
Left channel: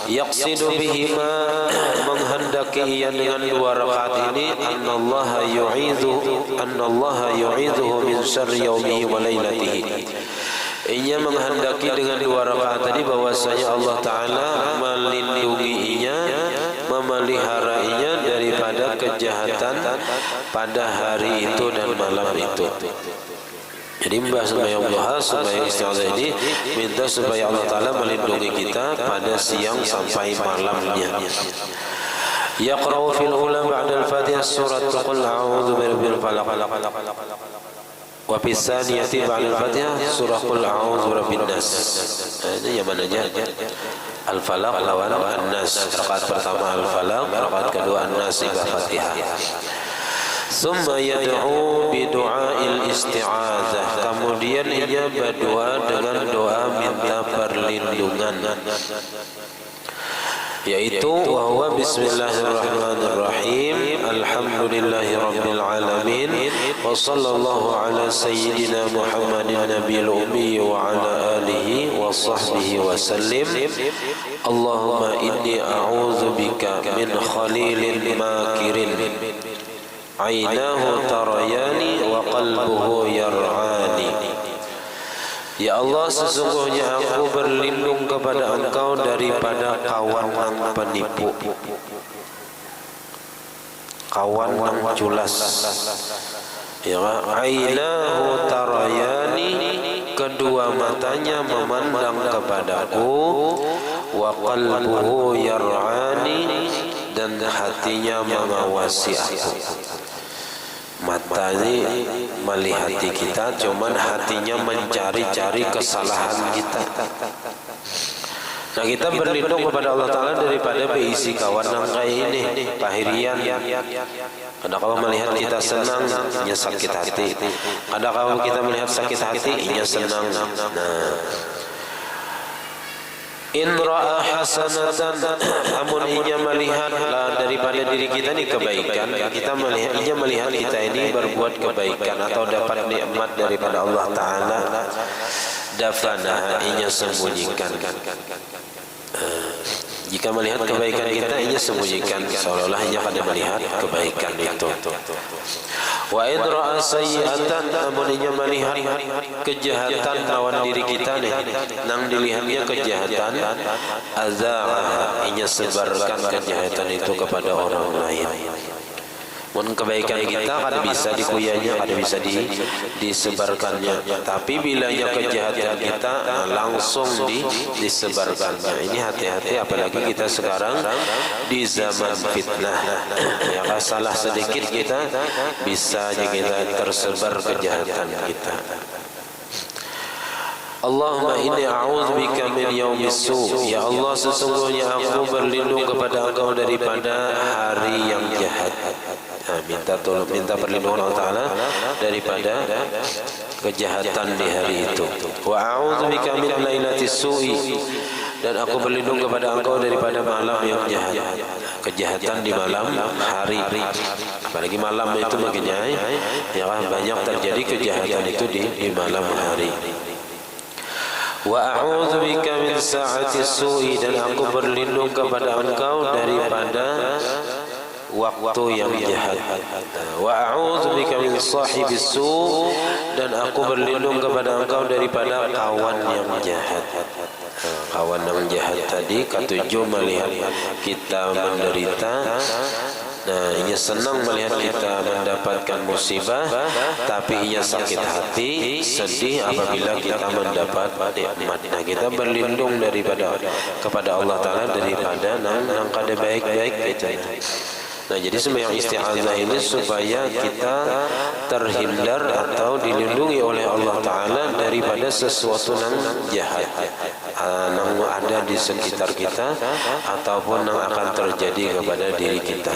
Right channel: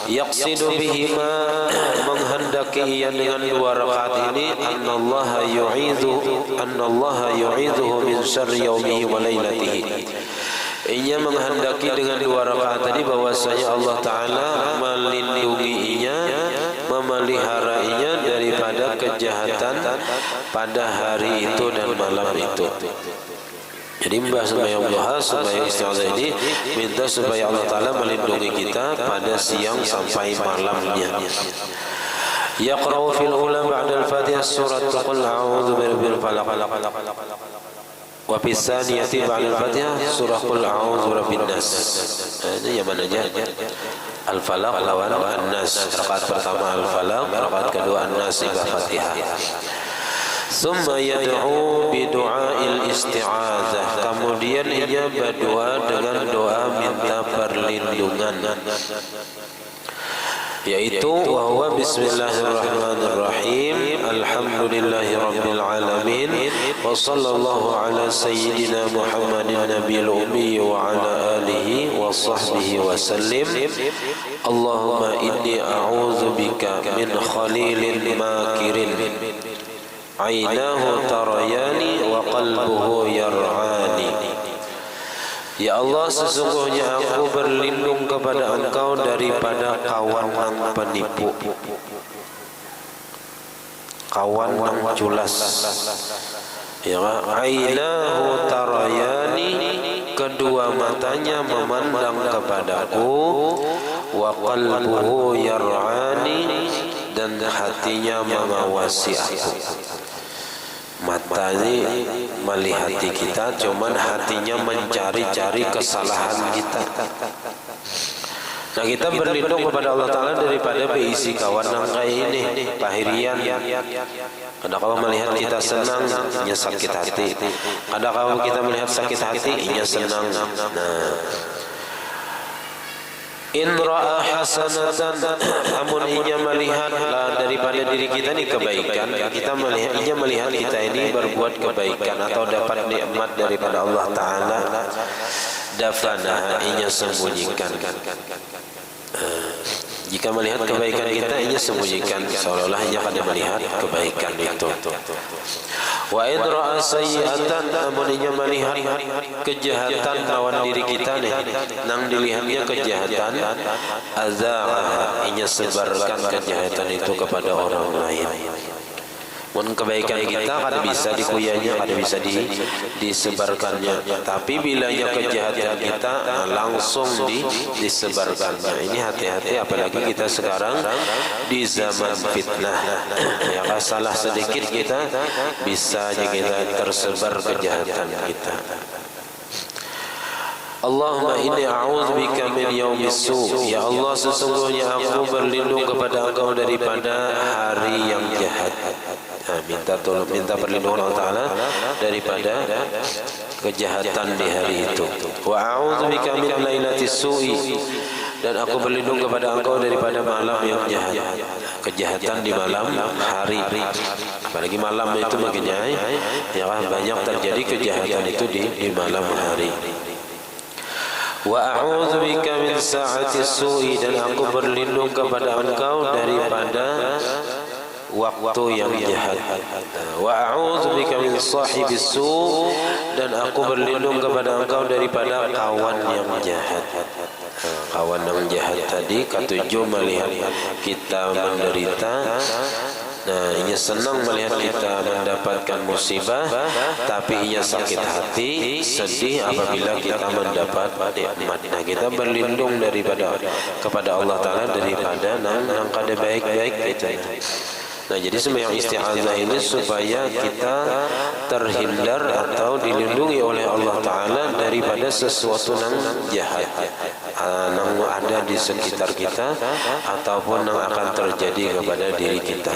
Yaqsidu bihima, menghendaki ia dengan 2 rakaat ini annallaha yu'idhuhu min syarri yaumihi wa lailatihi. Ia menghendaki dengan 2 rakaat tadi bahwasanya Allah Ta'ala melindunginya, memeliharainya daripada kejahatan pada hari itu dan malam itu. Jadi membahas sembahyang duha, sembahyang isti'adzah ini minta supaya Allah Ta'ala melindungi kita pada siang sampai malamnya. يقرأ في الأولى بعد الفاتحة سورة قل أعوذ برب الفلق وفي الثانية بعد الفاتحة سورة قل أعوذ برب الناس. Ini yang mana aja? Al-Falaq lawan An-Nas. Rakaat pertama Al-Falaq, rakaat kedua An-Nas ibadah Fatihah. Summa yad'u bi du'ail isti'adzah. Kemudian ia berdoa dengan doa minta perlindungan, yaitu wa huwa bismillahirrahmanirrahim alhamdulillahi rabbil alamin wa sallallahu ala sayyidina Muhammadin nabiyil ummi wa ala alihi wa sahbihi wa sallim. Allahumma inni a'udzu bika min khalilin makirin ainahu tarayani wa qalbuhu yar'ani. Ya Allah, sesungguhnya aku berlindung kepada Engkau daripada kawan yang penipu, kawan yang culas. Ya, ainahu tarayani, kedua matanya memandang kepadaku, wa qalbuhu yar'ani, dan hatinya mengawasi aku. Mata ini melihati kita, cuman hatinya mencari-cari kesalahan kita. Nah, kita berlindung kepada Allah Ta'ala daripada berisi kawan yang kayak ini, pahirian. Kadang kalau melihat kita senang, ia sakit hati. Kadang kalau kita melihat sakit hati, ia senang. Nah, in ra'a hasanatan, namun ia melihatlah daripada diri kita ini kebaikan, kita melihat, ia melihat kita ini berbuat kebaikan atau dapat nikmat daripada Allah Ta'ala, dafana, ia sembunyikan. Jika melihat kebaikan kita, ia sembunyikan, seolah-olah ia kada melihat kebaikan itu. Wa in ra'a sayyi'atan, namun ia melihat kejahatan lawan diri kita nih, nang dilihatnya kejahatan, azaaha, ia sebarkan kejahatan itu kepada orang lain. Mun kebaikan kita kada bisa dikuyanya, kada bisa disebarkannya. Tapi bilanya kejahatan kita, langsung disebarkannya. Ini hati-hati, apalagi kita sekarang di zaman fitnah. Ya, salah sedikit kita bisa kita tersebar kejahatan kita. Allahumma inni a'udzubika min yaumis su'. Ya Allah, sesungguhnya aku berlindung kepada Engkau daripada hari yang jahat. Nah, minta perlindungan Allah Ta'ala daripada kejahatan di hari itu. Wa a'udzubika min lailatis su'i, dan aku berlindung kepada Engkau daripada malam yang jahat. Kejahatan di malam hari, apalagi malam itu makin jahat, ya banyak terjadi kejahatan itu di malam hari. Wa a'udzubika min sa'ati su'i, dan aku berlindung kepada Engkau daripada waktu yang jahat. Wa a'udzubika min sahibis su', dan aku berlindung kepada Engkau daripada kawan yang jahat. Kawan yang jahat tadi ketujuh melihat kita menderita. Nah, ia senang melihat kita mendapatkan musibah, tapi ia sakit hati, sedih apabila kita mendapat nikmat. Nah, kita berlindung kepada Allah Ta'ala daripada nang kada baik-baik kita. Nah, jadi sembahyang isti'adzah ini supaya kita terhindar atau dilindungi oleh Allah Ta'ala daripada sesuatu yang jahat yang ada di sekitar kita ataupun yang akan terjadi kepada diri kita.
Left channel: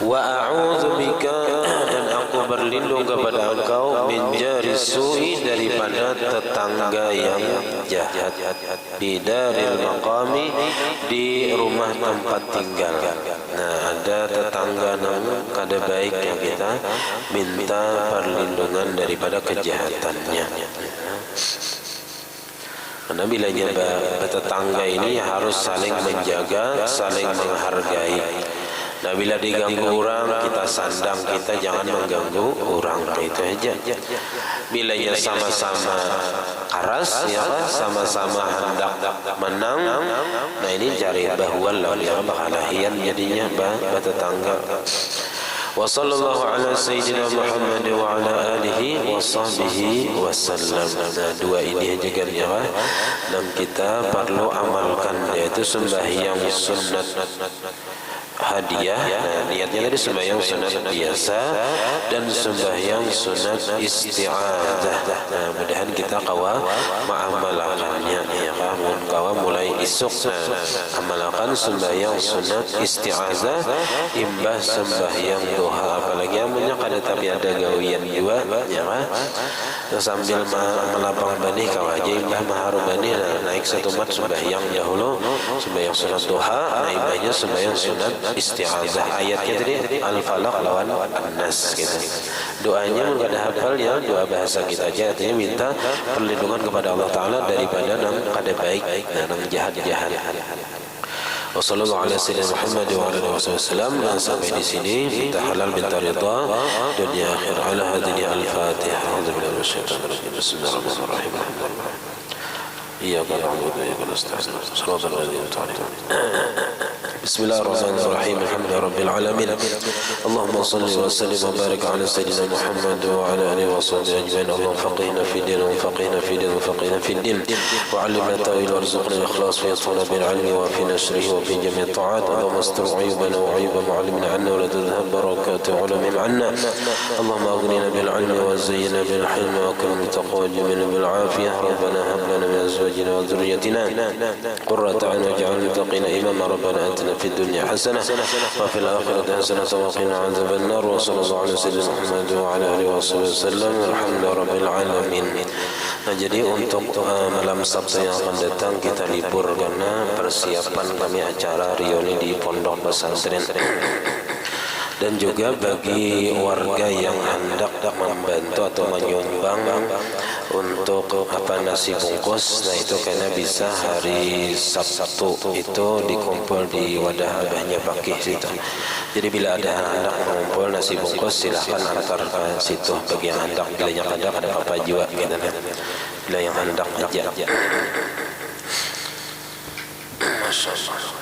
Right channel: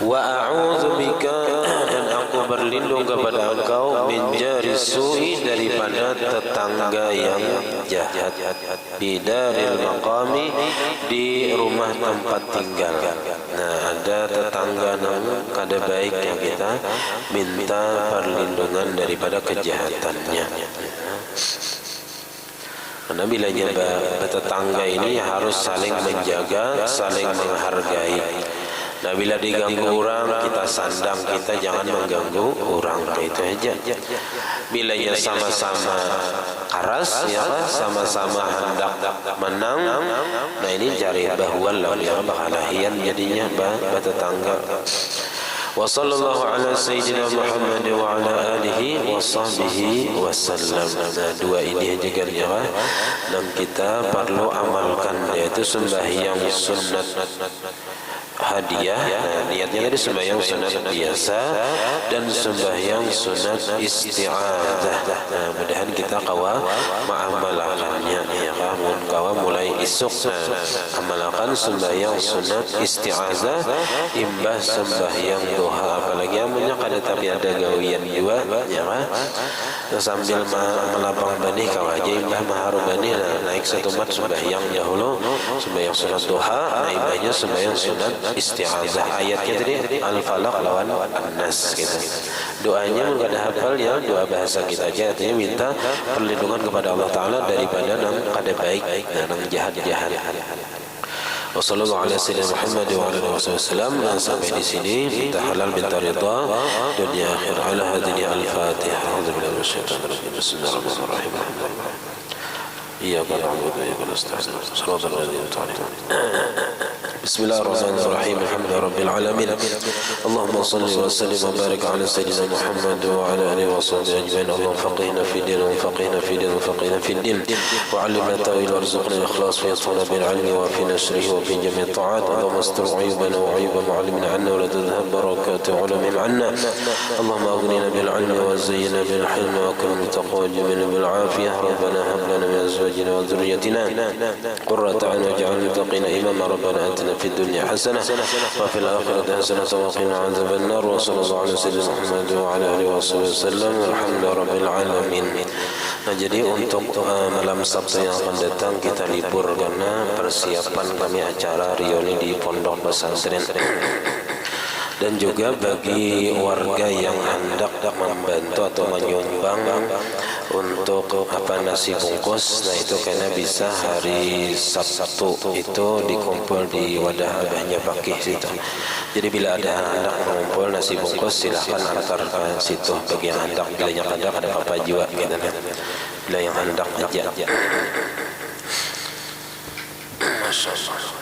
Wa a'udzubika, dan aku berlindung kepada Engkau min jari su'i, daripada tetangga yang jahat, bidaril maqami, di rumah tempat tinggal. Nah, ada tetangga yang kada baik yang kita minta perlindungan daripada kejahatannya. Karena bilanya bertetangga ini harus saling menjaga, saling menghargai. Nah, bila diganggu orang, kita sandang, kita jangan mengganggu orang, itu aja. Bilanya sama-sama karas, ya, sama-sama hendak menang. Nah, ini cari bahuan lah, ya, bakalahian jadinya tetangga. Wa sallallahu ala sayyidina Muhammad wa ala alihi wa sahbihi wa sallam. Nah, dua ini aja kan ya, dan kita perlu amalkan, yaitu sembahyang sunat hadiah. Nah, niatnya tadi sembahyang sunat biasa dan sembahyang sunat isti'adzah. Nah, mudahan kita kawa ma'amalakannya ya kan, kawa mulai isuk. Nah, amalkan sembahyang sunat isti'adzah imbah sembahyang duha, apalagi amunnya kada tapi ada gawian juga ya kan. Nah, sambil melapang bani kawa aja imbah maharu bani. Nah, naik satu mat sembahyang dahulu sembahyang sunat duha, nah imbahnya sembahyang sunat isti'adzah. Ayatnya tadi Al-Falaq lawan An-Nas gitu. Doanya enggak ada hafalnya, doa bahasa kita aja, artinya minta perlindungan kepada Allah Ta'ala daripada nang kada baik dan nang jahat-jahat. Wassallallahu ala sayyidina Muhammad wa ala alihi wasallam. Sampai di sini kita halal bintar ridha dunia akhir. Ala hadhihi al-Fatihah. A'udzubillahi minasyaitonir rajim. Bismillahirrahmanirrahim. Iyyaka na'budu wa iyyaka nasta'in. Shiratal ladzina an'amta 'alaihim. بسم الله الرحمن الرحيم. الحمد لله رب العالمين. اللهم صل وسلم وبارك على سيدنا محمد وعلى اله وصحبه اجمعين. اللهم فقهنا في الدين وفقهنا في الدين وفقهنا في الدين وعلمنا التاويل وارزقنا الاخلاص في اطفالنا بالعلم وفي نشره وفي جميع الطاعات. اللهم استر عيوبنا وعيوب معلمنا عنا ولا تذهب بركات علمهم عنا. اللهم اغننا بالعلم وزينا بالحلم واكرمنا بالتقوى وجملنا بالعافيه. ربنا هب لنا من ازواجنا وذريتنا قرة اعين واجعلنا للمتقين اماما. ربنا اتنا في الدنيا حسنة وفي الآخرة حسنة وقنا عذاب النار. وصلى الله على سيدنا محمد وعلى آله وصحبه وسلم. Alhamdulillah rabbil alamin. Nah, jadi untuk malam Sabtu yang akan datang kita libur karena persiapan kami acara reuni di Pondok Pesantren. Dan juga bagi warga yang hendak membantu atau menyumbang untuk nasi bungkus, nah itu karena bisa hari Sabtu itu dikumpul di wadah abahnya Pakih situ. Jadi bila ada yang hendak mengumpul nasi bungkus silahkan antar ke situ bagi yang hendak. Bila yang hendak ada apa juga gitu. Bila yang hendak aja. Masya Allah.